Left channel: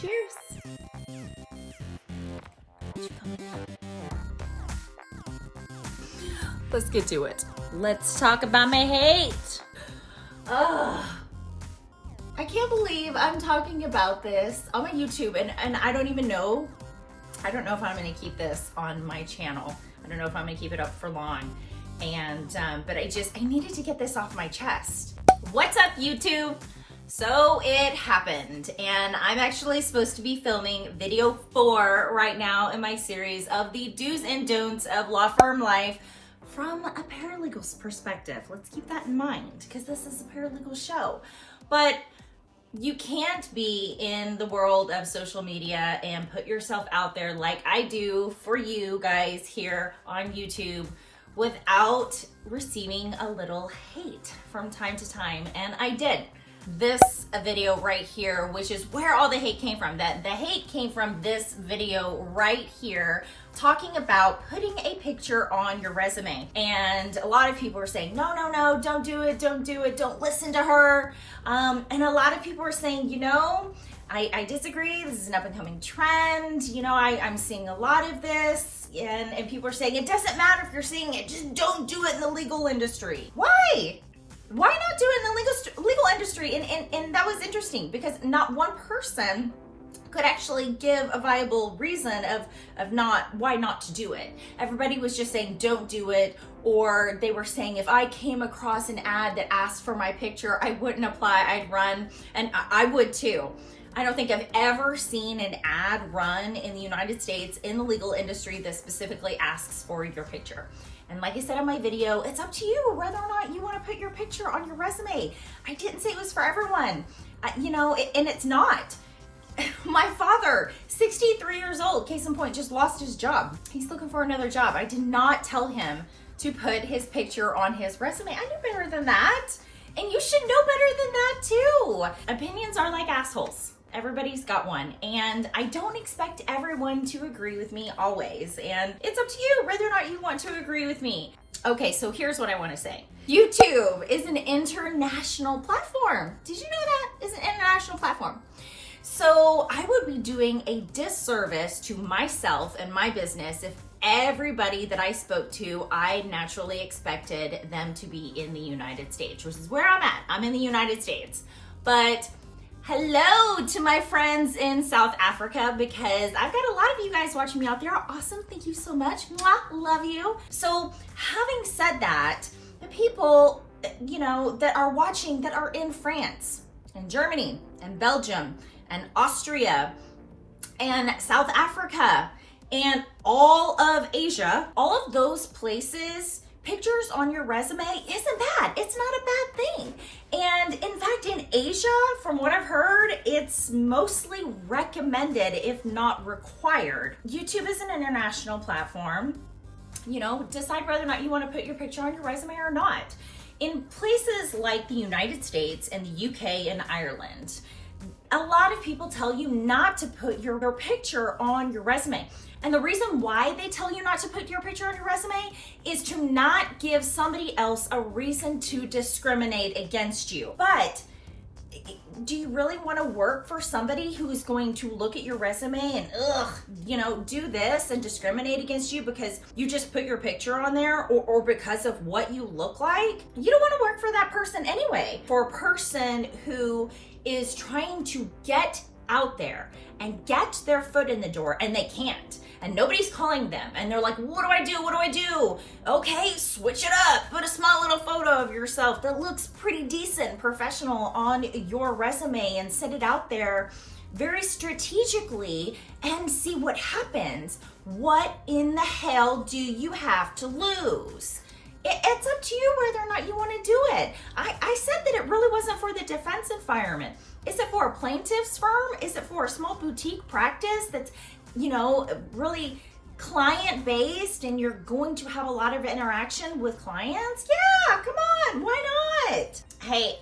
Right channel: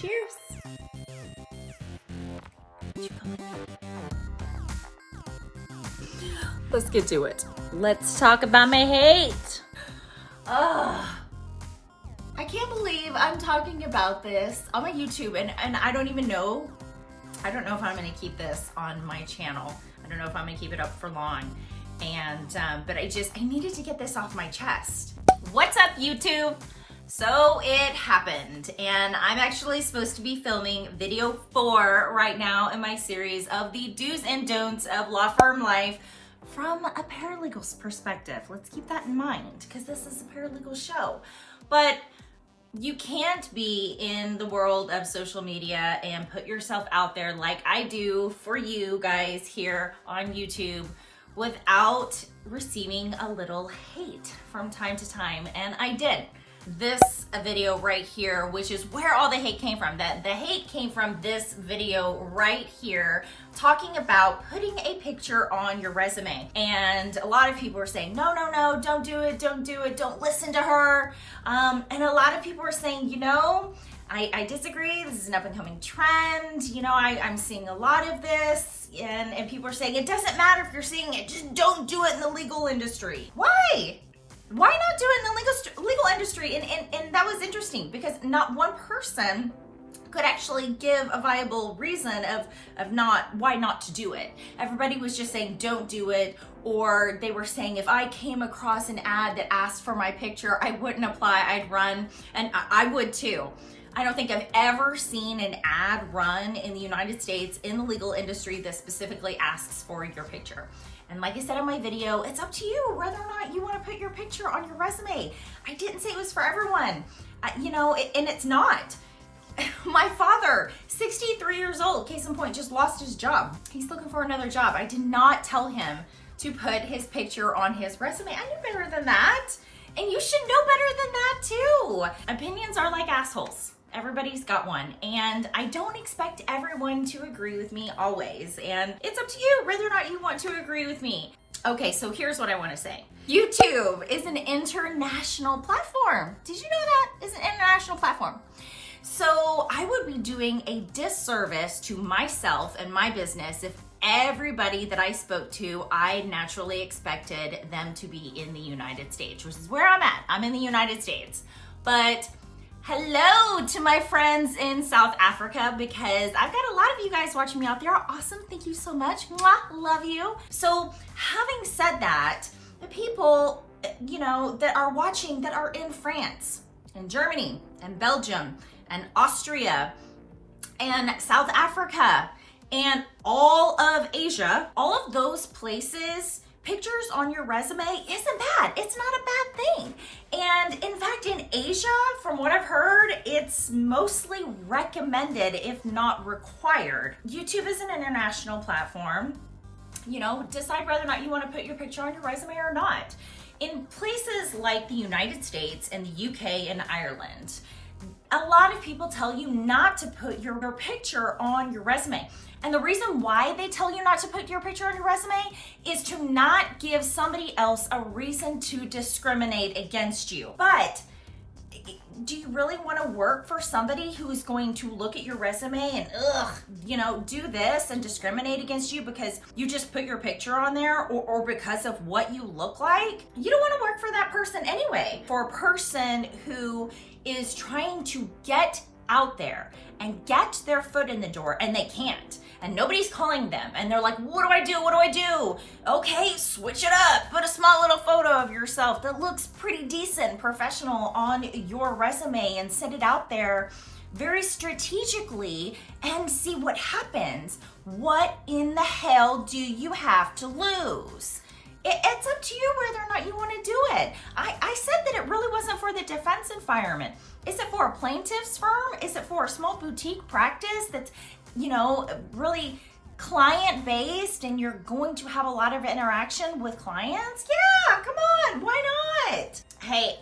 Cheers. Let's get to it. Let's talk about my hate. Ugh. I can't believe I'm talking about this on my YouTube and I don't even know. I don't know if I'm gonna keep this on my channel. I don't know if I'm gonna keep it up for long. And, but I needed to get this off my chest. What's up, YouTube? So it happened, and I'm actually supposed to be filming video 4 right now in my series of the do's and don'ts of law firm life from a paralegal's perspective. Let's keep that in mind, because this is a paralegal show. But you can't be in the world of social media and put yourself out there like I do for you guys here on YouTube without receiving a little hate from time to time, and I did. This video right here, which is where all the hate came from. The hate came from this video right here, talking about putting a picture on your resume. And a lot of people were saying, no, don't do it, don't listen to her. And a lot of people were saying, you know, I disagree, this is an up and coming trend. You know, I'm seeing a lot of this, and people are saying, it doesn't matter if you're seeing it, just don't do it in the legal industry. Why? Why not do it in the legal industry? And that was interesting, because not one person could actually give a viable reason of why not to do it. Everybody was just saying don't do it, or they were saying if I came across an ad that asked for my picture, I wouldn't apply, I'd run, and I would too. I don't think I've ever seen an ad run in the United States in the legal industry that specifically asks for your picture. And like I said in my video, it's up to you whether or not you want to put your picture on your resume. I didn't say it was for everyone, you know, and it's not. My father, 63 years old, case in point, just lost his job. He's looking for another job. I did not tell him to put his picture on his resume. I knew better than that. And you should know better than that too. Opinions are like assholes. Everybody's got one, and I don't expect everyone to agree with me always, and it's up to you whether or not you want to agree with me. Okay, so here's what I want to say. YouTube is an international platform. Did you know that? It's an international platform. So I would be doing a disservice to myself and my business if everybody that I spoke to, I naturally expected them to be in the United States, which is where I'm at. I'm in the United States. But hello to my friends in South Africa, because I've got a lot of you guys watching me out there. Awesome. Thank you so much. Mwah, love you. So having said that, the people, you know, that are watching that are in France and Germany and Belgium and Austria and South Africa and all of Asia, all of those places, pictures on your resume isn't bad. It's not a bad thing. And in fact, in Asia, from what I've heard, it's mostly recommended, if not required. YouTube is an international platform. You know, decide whether or not you want to put your picture on your resume or not. In places like the United States and the UK and Ireland, a lot of people tell you not to put your picture on your resume. And the reason why they tell you not to put your picture on your resume is to not give somebody else a reason to discriminate against you. But do you really want to work for somebody who is going to look at your resume and, you know, do this and discriminate against you because you just put your picture on there, or because of what you look like? You don't want to work for that person anyway. For a person who is trying to get out there and get their foot in the door and they can't, and nobody's calling them, and they're like, what do I do? What do I do? Okay, switch it up. Put a small little photo of yourself that looks pretty decent, professional on your resume, and send it out there very strategically and see what happens. What in the hell do you have to lose? It's up to you whether or not you want to do it. I said that it really wasn't for the defense environment. Is it for a plaintiff's firm? Is it for a small boutique practice that's, you know, really client-based and you're going to have a lot of interaction with clients? Yeah, come on, why not? Hey,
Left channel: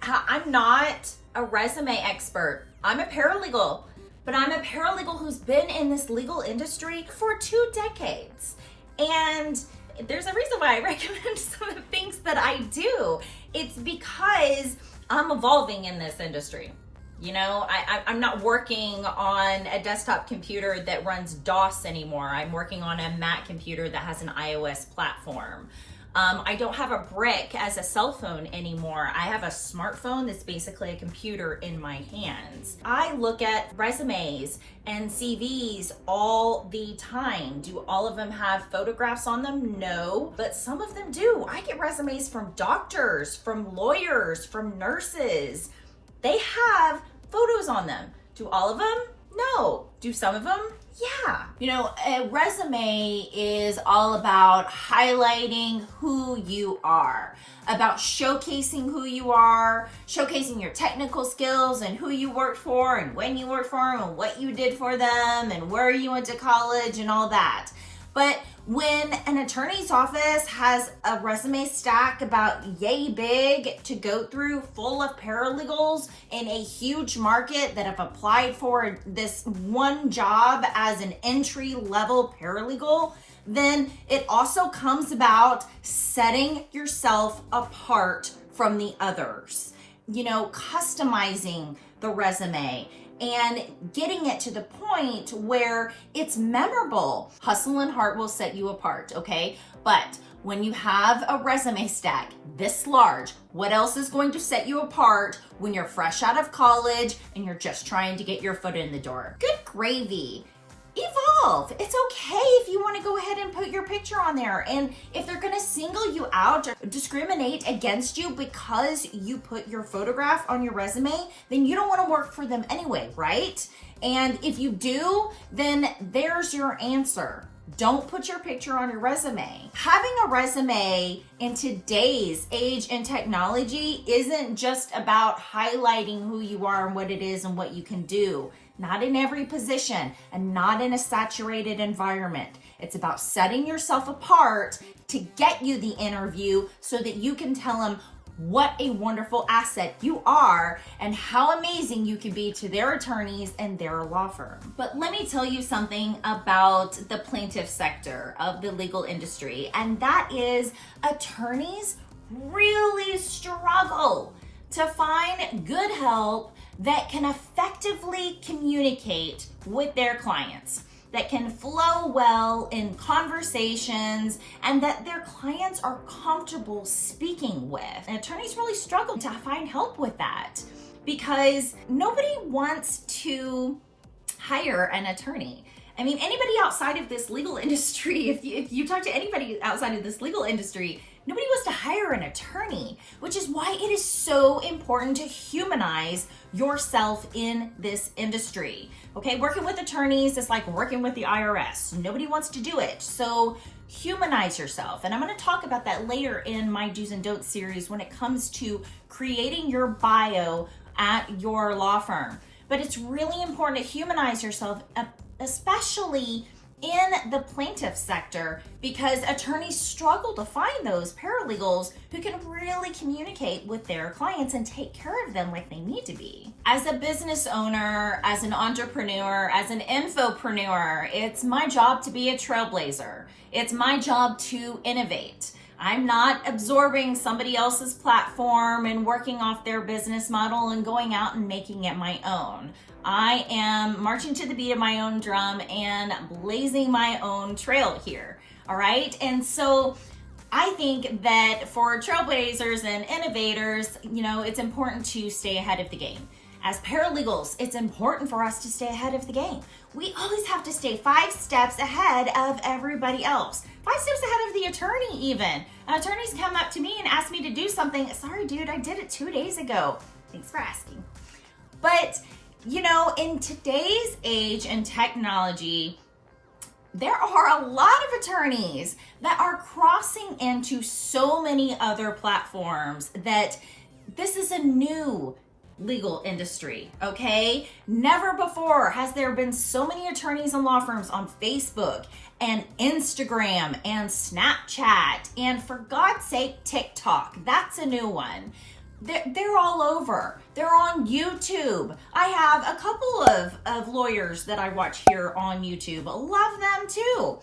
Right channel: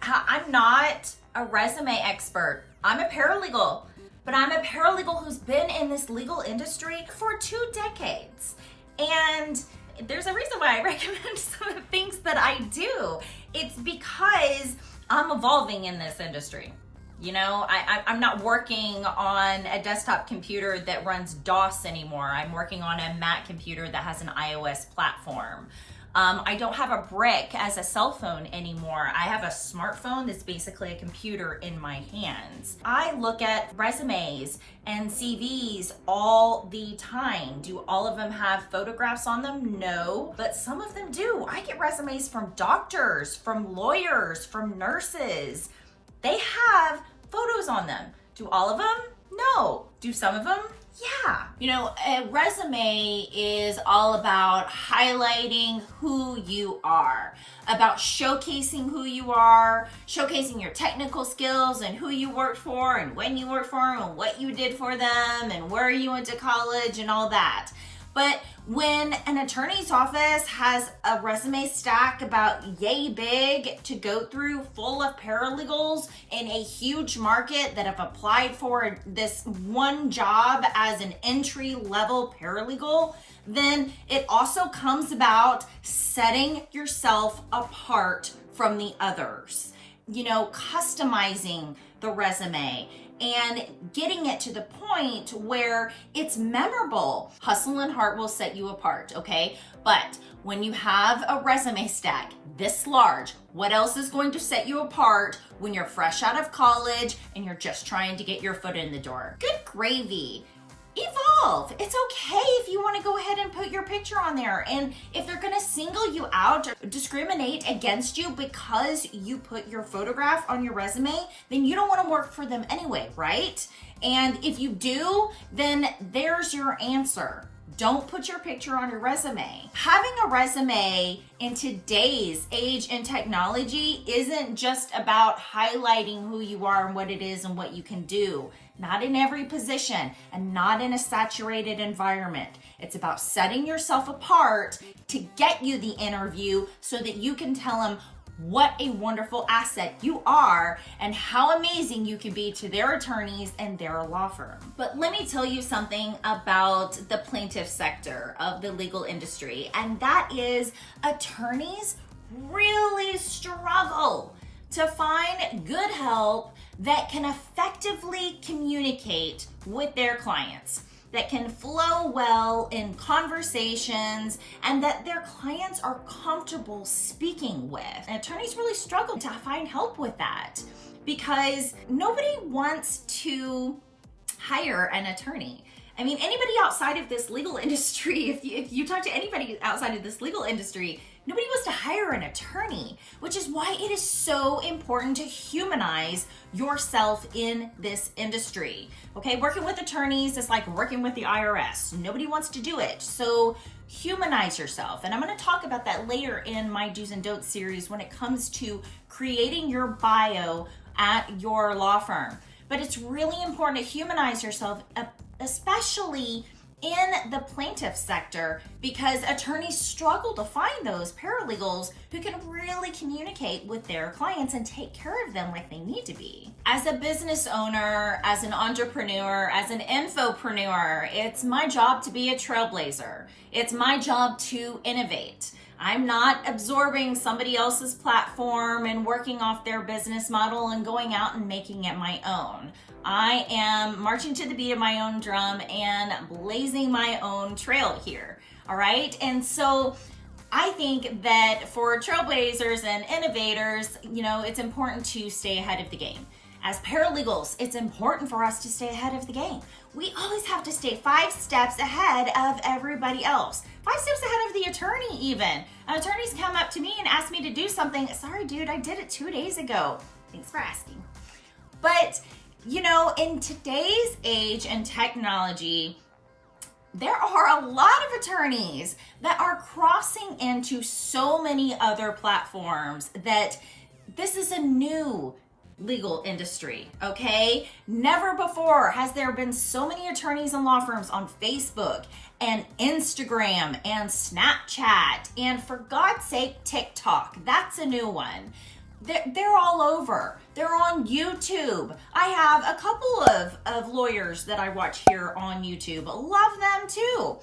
I'm not a resume expert. I'm a paralegal, but I'm a paralegal who's been in this legal industry for 2 decades. And there's a reason why I recommend some of the things that I do. It's because I'm evolving in this industry. You know, I'm not working on a desktop computer that runs DOS anymore. I'm working on a Mac computer that has an iOS platform. I don't have a brick as a cell phone anymore. I have a smartphone that's basically a computer in my hands. I look at resumes and CVs all the time. Do all of them have photographs on them? No, but some of them do. I get resumes from doctors, from lawyers, from nurses. They have photos on them. Do all of them? No. Do some of them? Yeah. You know, a resume is all about highlighting who you are, about showcasing who you are, showcasing your technical skills and who you worked for and when you worked for them and what you did for them and where you went to college and all that. But when an attorney's office has a resume stack about yay big to go through full of paralegals in a huge market that have applied for this one job as an entry-level paralegal, then it also comes about setting yourself apart from the others. You know, customizing the resume and getting it to the point where it's memorable. Hustle and heart will set you apart, okay? But when you have a resume stack this large, what else is going to set you apart when you're fresh out of college and you're just trying to get your foot in the door? Good gravy. Evolve. It's okay if you want to go ahead and put your picture on there. And if they're going to single you out or discriminate against you because you put your photograph on your resume, then you don't want to work for them anyway, right? And if you do, then there's your answer. Don't put your picture on your resume. Having a resume in today's age and technology isn't just about highlighting who you are and what it is and what you can do. Not in every position and not in a saturated environment. It's about setting yourself apart to get you the interview so that you can tell them what a wonderful asset you are and how amazing you can be to their attorneys and their law firm. But let me tell you something about the plaintiff sector of the legal industry, and that is attorneys really struggle to find good help that can effectively communicate with their clients, that can flow well in conversations, and that their clients are comfortable speaking with. And attorneys really struggle to find help with that because nobody wants to hire an attorney. I mean, anybody outside of this legal industry, if you talk to anybody outside of this legal industry, nobody wants to hire an attorney, which is why it is so important to humanize yourself in this industry. Okay, working with attorneys is like working with the IRS. Nobody wants to do it. So humanize yourself. And I'm going to talk about that later in my do's and don'ts series when it comes to creating your bio at your law firm. But it's really important to humanize yourself, especially in the plaintiff sector, because attorneys struggle to find those paralegals who can really communicate with their clients and take care of them like they need to be. As a business owner, as an entrepreneur, as an infopreneur, it's my job to be a trailblazer. It's my job to innovate. I'm not absorbing somebody else's platform and working off their business model and going out and making it my own. I am marching to the beat of my own drum and blazing my own trail here, all right? And so I think that for trailblazers and innovators, you know, it's important to stay ahead of the game. As paralegals, it's important for us to stay ahead of the game. We always have to stay 5 steps ahead of everybody else. 5 steps ahead of the attorney even. Attorneys come up to me and ask me to do something. Sorry, dude, I did it 2 days ago. Thanks for asking. But you know, in today's age and technology, there are a lot of attorneys that are crossing into so many other platforms that this is a new legal industry, okay? Never before has there been so many attorneys and law firms on Facebook and Instagram and Snapchat and, for God's sake, TikTok. That's a new one. They're all over. They're on YouTube. I have a couple of lawyers that I watch here on YouTube. Love them too.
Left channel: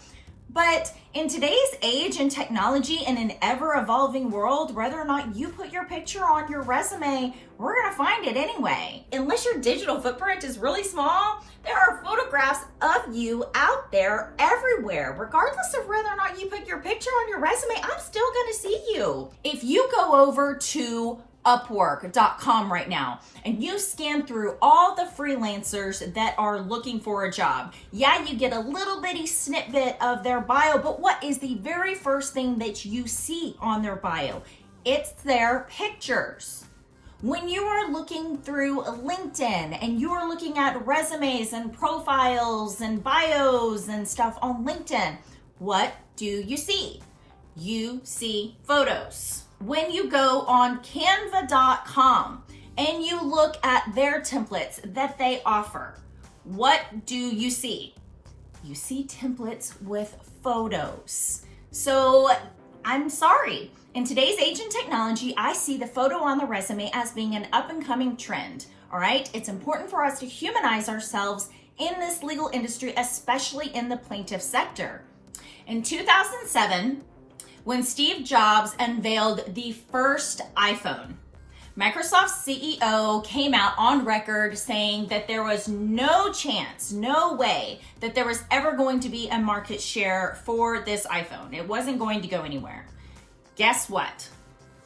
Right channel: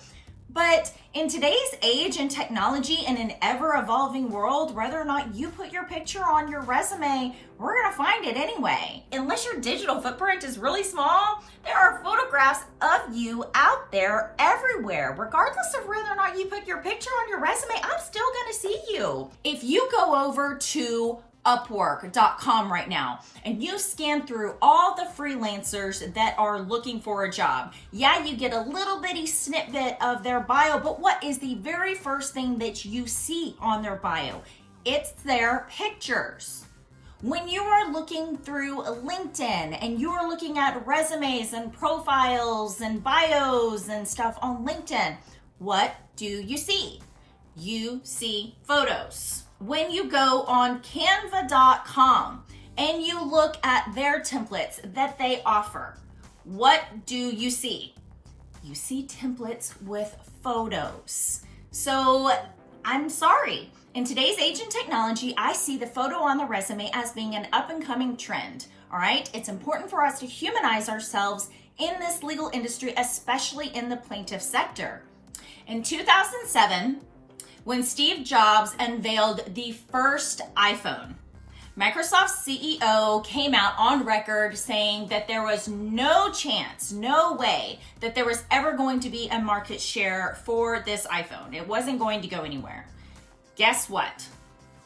But in today's age and technology and an ever-evolving world, whether or not you put your picture on your resume, we're gonna find it anyway. Unless your digital footprint is really small, there are photographs of you out there everywhere. Regardless of whether or not you put your picture on your resume, I'm still gonna see you. If you go over to Upwork.com right now and you scan through all the freelancers that are looking for a job, yeah, you get a little bitty snippet of their bio, but what is the very first thing that you see on their bio? It's their pictures. When you are looking through LinkedIn and you are looking at resumes and profiles and bios and stuff on LinkedIn, what do you see? You see photos. When you go on canva.com and you look at their templates that they offer, what do you see? You see templates with photos. So I'm sorry. In today's age and technology, I see the photo on the resume as being an up and coming trend. All right. It's important for us to humanize ourselves in this legal industry, especially in the plaintiff sector. In 2007, when Steve Jobs unveiled the first iPhone, Microsoft's CEO came out on record saying that there was no chance, no way that there was ever going to be a market share for this iPhone. It wasn't going to go anywhere. Guess what?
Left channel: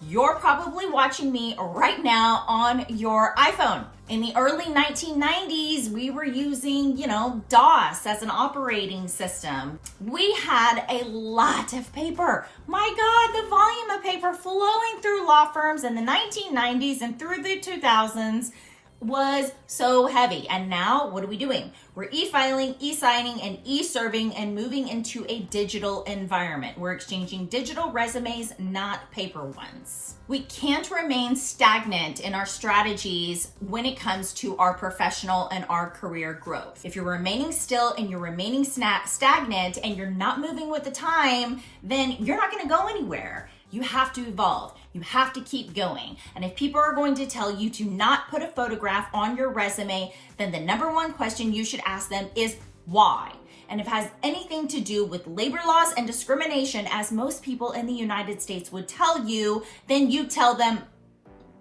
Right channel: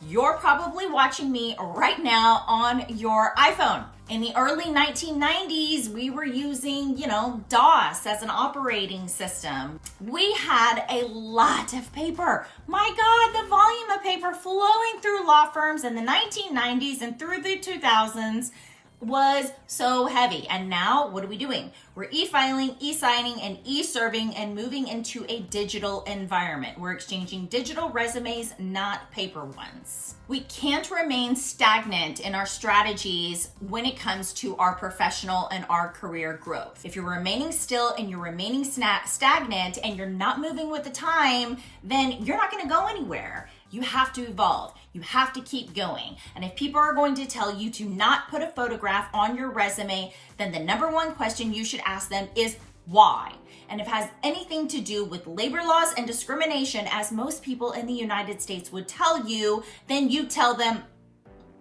You're probably watching me right now on your iPhone. In the early 1990s, we were using, DOS as an operating system. We had a lot of paper. My God, the volume of paper flowing through law firms in the 1990s and through the 2000s was so heavy. And now what are we doing? We're e-filing, e-signing, and e-serving and moving into a digital environment. We're exchanging digital resumes, not paper ones. We can't remain stagnant in our strategies when it comes to our professional and our career growth. If you're remaining still and you're remaining stagnant and you're not moving with the time, then you're not gonna go anywhere. You have to evolve. You have to keep going. And if people are going to tell you to not put a photograph on your resume, then the number one question you should ask them is why? And if it has anything to do with labor laws and discrimination, as most people in the United States would tell you, then you tell them,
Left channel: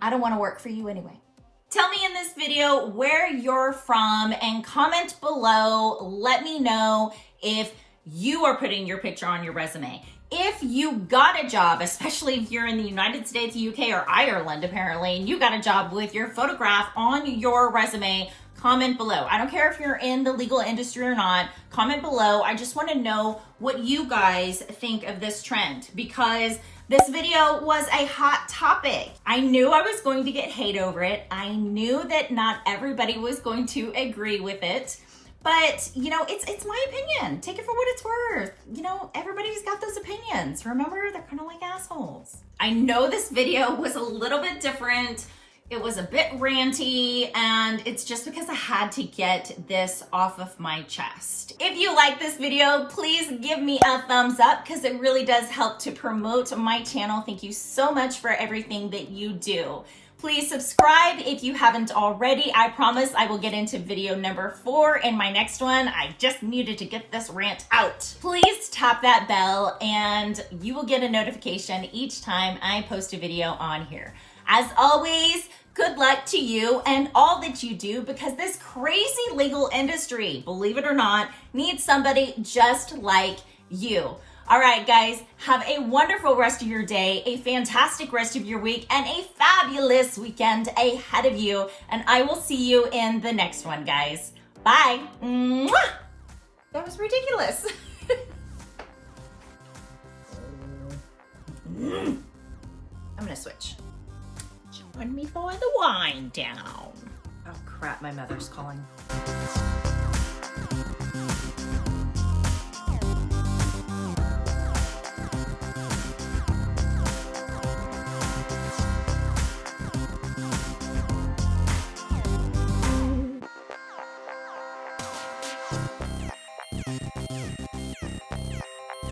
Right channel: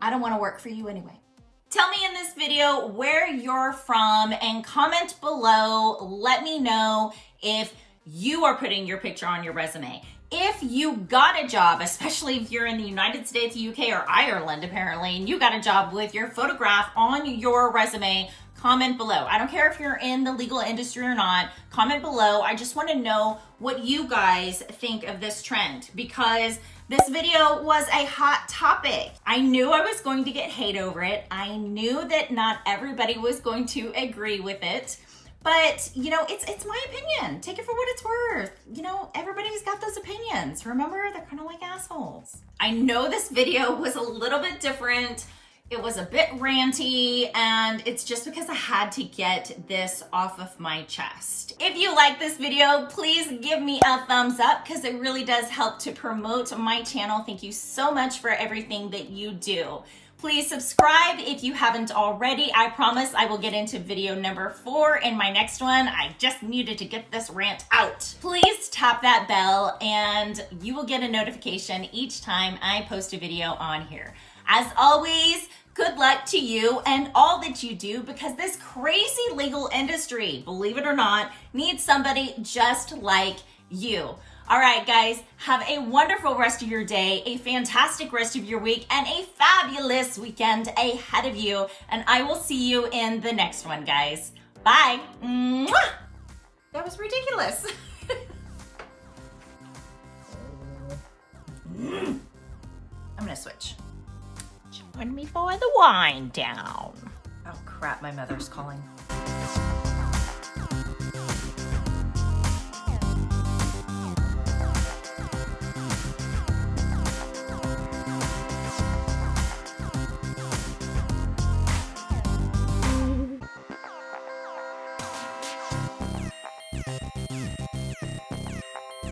I don't want to work for you anyway. Tell me in this video where you're from and comment below. Let me know if you are putting your picture on your resume. If you got a job, especially if you're in the United States, UK, or Ireland, apparently, and you got a job with your photograph on your resume, comment below. I don't care if you're in the legal industry or not, comment below. I just want to know what you guys think of this trend because this video was a hot topic. I knew I was going to get hate over it. I knew that not everybody was going to agree with it. But, it's my opinion. Take it for what it's worth. Everybody's got those opinions. Remember, they're kind of like assholes. I know this video was a little bit different. It was a bit ranty, and it's just because I had to get this off of my chest. If you like this video, please give me a thumbs up because it really does help to promote my channel. Thank you so much for everything that you do. Please subscribe if you haven't already. I promise I will get into video number 4 in my next one. I just needed to get this rant out. Please tap that bell and you will get a notification each time I post a video on here. As always, good luck to you and all that you do because this crazy legal industry, believe it or not, needs somebody just like you. All right, guys, have a wonderful rest of your day, a fantastic rest of your week, and a fabulous weekend ahead of you. And I will see you in the next one, guys. Bye. Mwah! That was ridiculous. I'm gonna switch. Join me for the wind down. Oh crap, my mother's calling.